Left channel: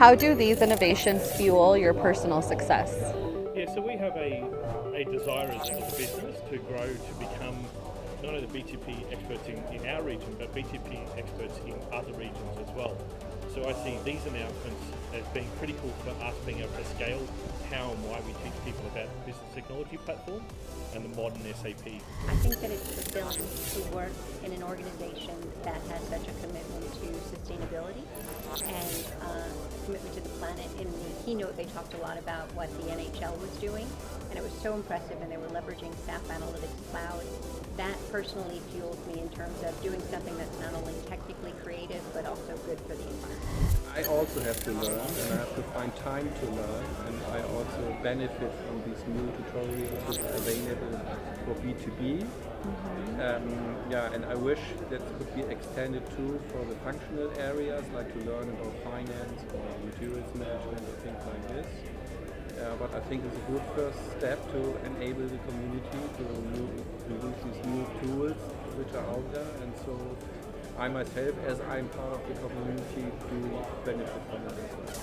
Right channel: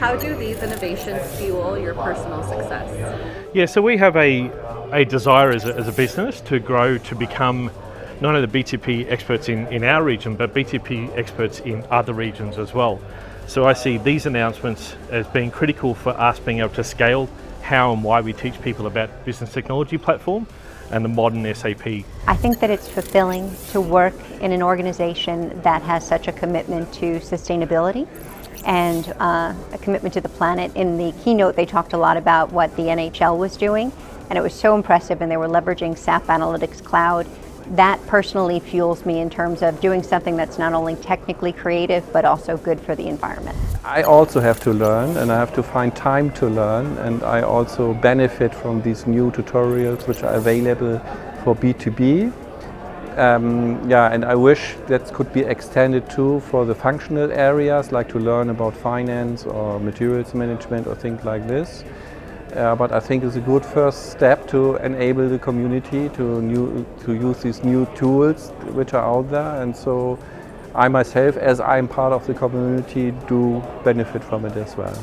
How do these innovations fuel your personal success? Yeah, so we have a desire as a business to grow to become not only the BTP experts in our region, but BTP experts in other regions as well. So I see these announcements as being critical for us being able to scale how and why we teach people about business technology platform and the modern SAP. I think that it's fulfilling to work in an organization that has such a commitment to sustainability and a commitment to the planet. In the keynote, they talked a lot about what the NHL was doing, and it was so impressive, and they were leveraging SAP Analytics Cloud. That personally fuels me in terms of doing something that's not only technically creative, but also good for the environment. I also have to learn, and I have to find time to learn, and I also benefit from these new tutorials which are available for B2B. And I wish that could be extended too for the functional areas, like to learn about finance or materials management or things like this. But I think it's a good first step to enable the community to use these new tools which are out there, and so I myself, as I'm part of the community, do benefit from it as well.